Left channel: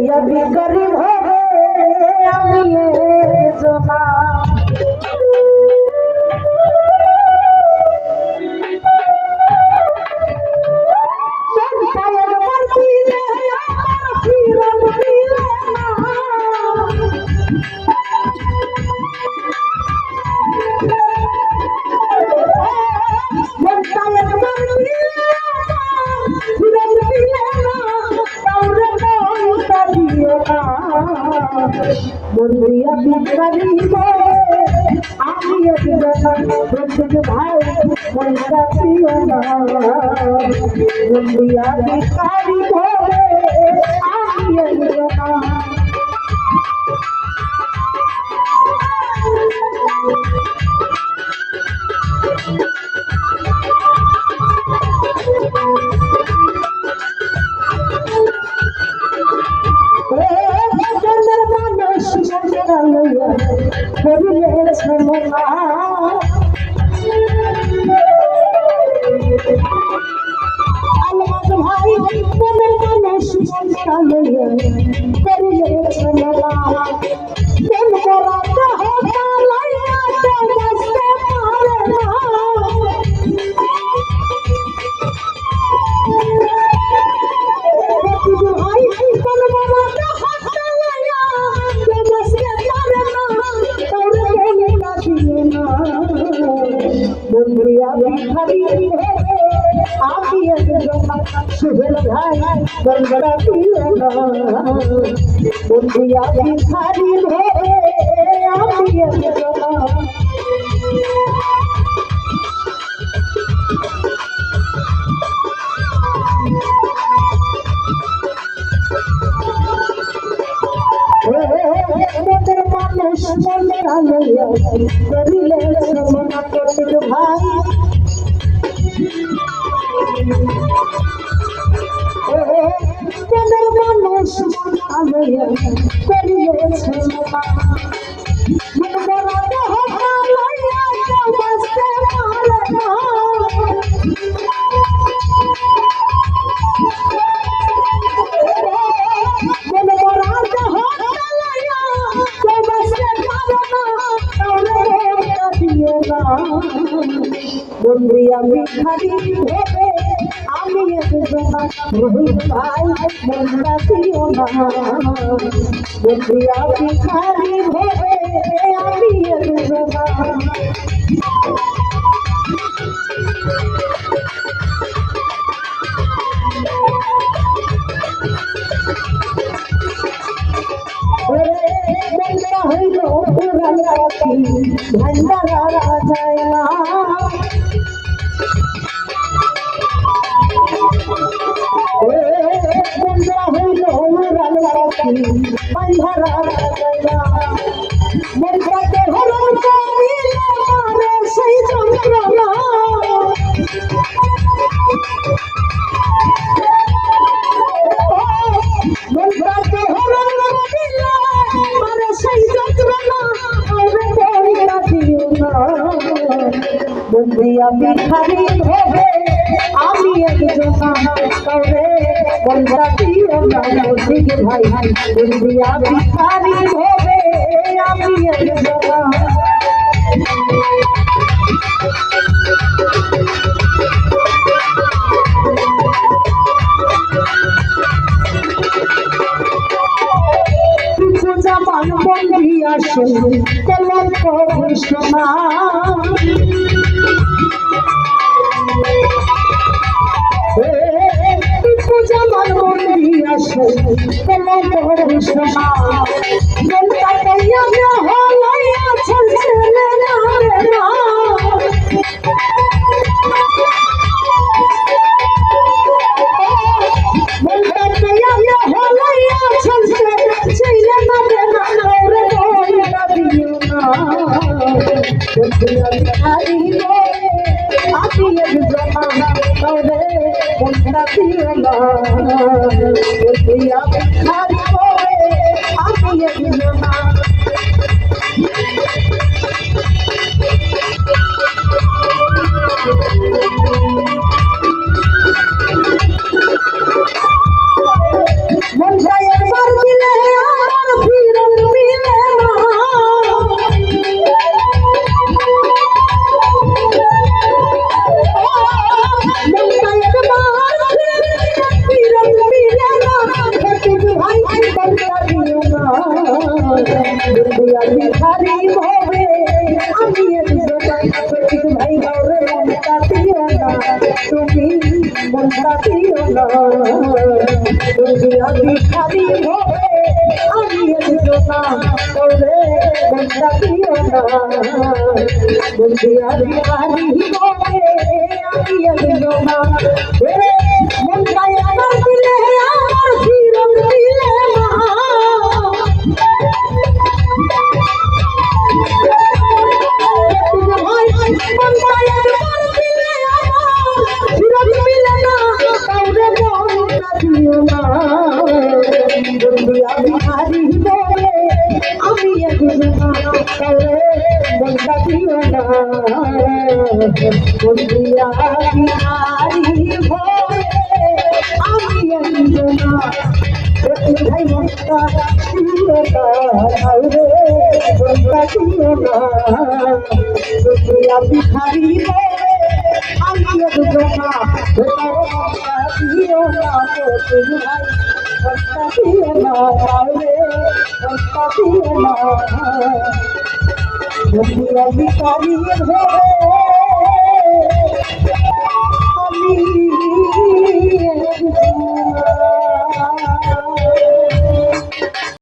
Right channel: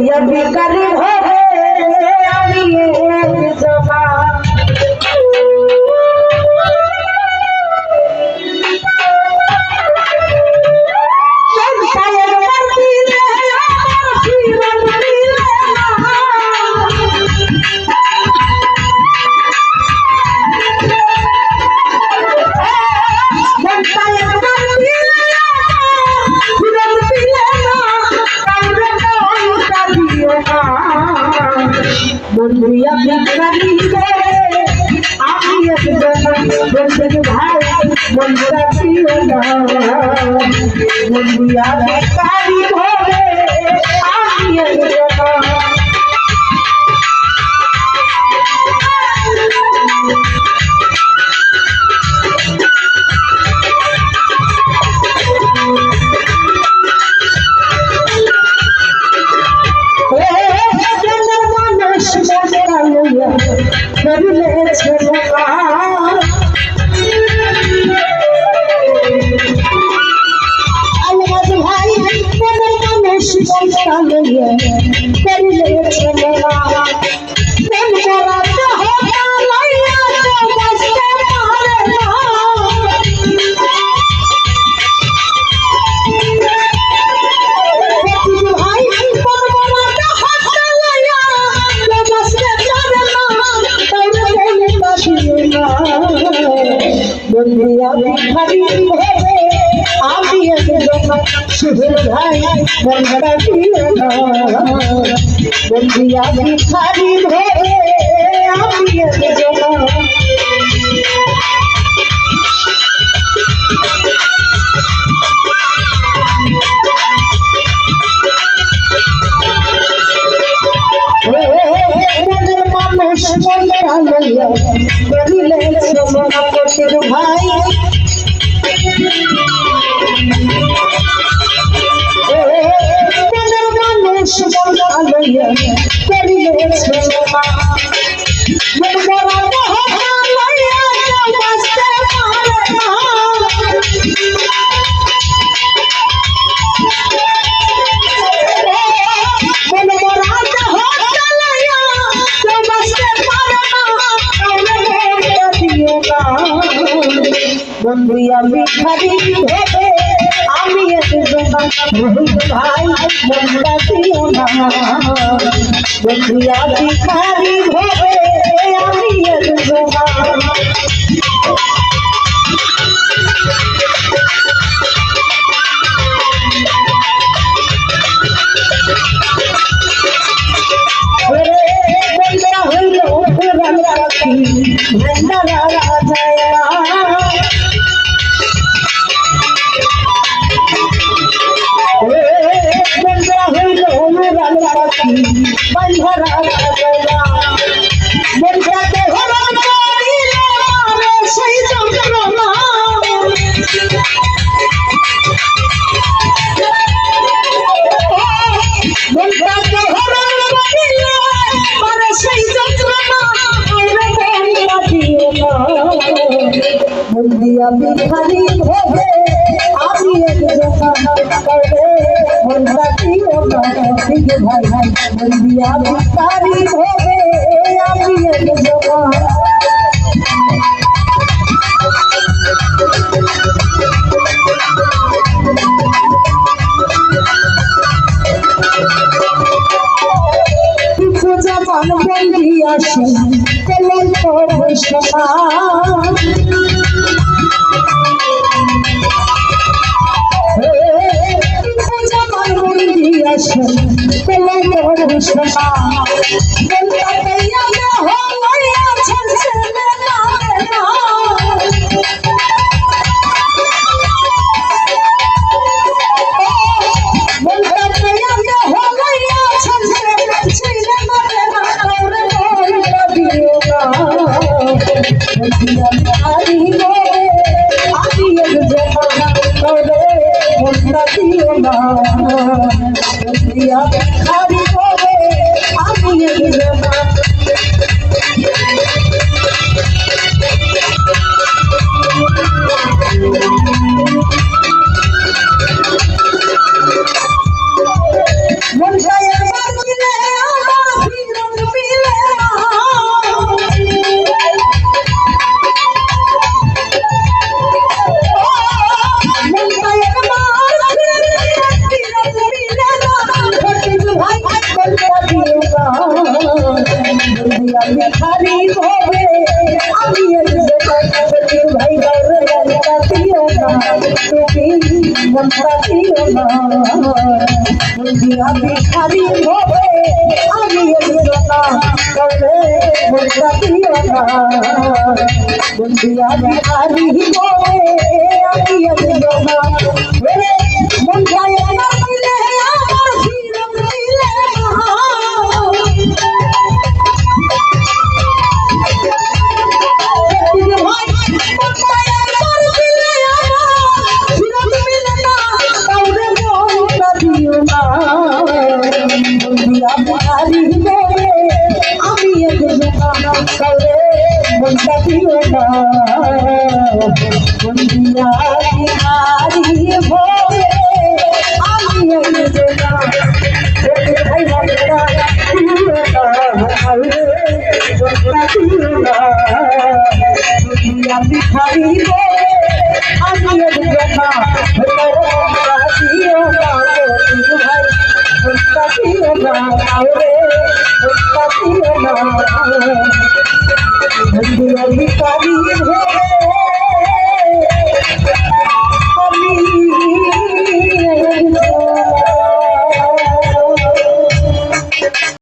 বন্ধুয়া বিকারি ভবে আমি জমা বন্ধুয়া বিকারি ভবে আমি জমা বন্ধু ভাই মনটা প্রিয় না বন্ধুয়া বিকারি ভবে আমি জমা বন্ধুয়া বিকারি ভবে আমি জমা সুহেল ভাই মনটা প্রিয় না বন্ধুয়া বিকারি ভবে আমি জমা মানুষ মনটা লইয়া করিলে জমা পতির ভাই মানুষ মনটা লইয়া করিলে জমা বন্ধুয়া বিকারি ভবে আমি জমা রোহিত ভাই মনটা প্রিয় না বন্ধুয়া বিকারি ভবে আমি জমা বন্ধুরা হইল রাখি ভান্ডারা যায় না বন্ধুরা হইল রাখি ভান্ডারা যায় না বন্ধুরাকে হরণ করিলে মারে সেই যন্ত্রণা বন্ধুরাকে হরণ করিলে মারে সেই যন্ত্রণা বন্ধুয়া বিকারি ভবে আমি জমা করে মনটা প্রিয় না ভাই বন্ধুয়া বিকারি ভবে আমি জমা জামান বন্দি আসেন কলঙ্ক ঘোষণা জামান বন্দি আসেন কলঙ্ক ঘোষণা বলতা কইয়া হইয়া চলছে না না বলতা কইয়া হইয়া চলছে বন্ধুয়া বিকারি ভবে আমি জমা করে মনটা প্রিয় না বন্ধুয়া বিকারি ভবে আমি জমা মন যায় একবার কিন্তু ভাই বলতা দিও না দুনিয়া ভিখারি হবে আমি একজন কিন্তু ভাই গাওরে বলতা দিও না তুমি বলতা দিও না দুনিয়া ভিখারি হবে আমি একজন গাওরে বলতা দিও না দুনিয়া ভিখারি হবে আমি একজন ওরে মন যায় দিলে আমার শিরম দিলে ভিখারি আমি দিও না তুমি ভাই দিও না দিও না ভিখারি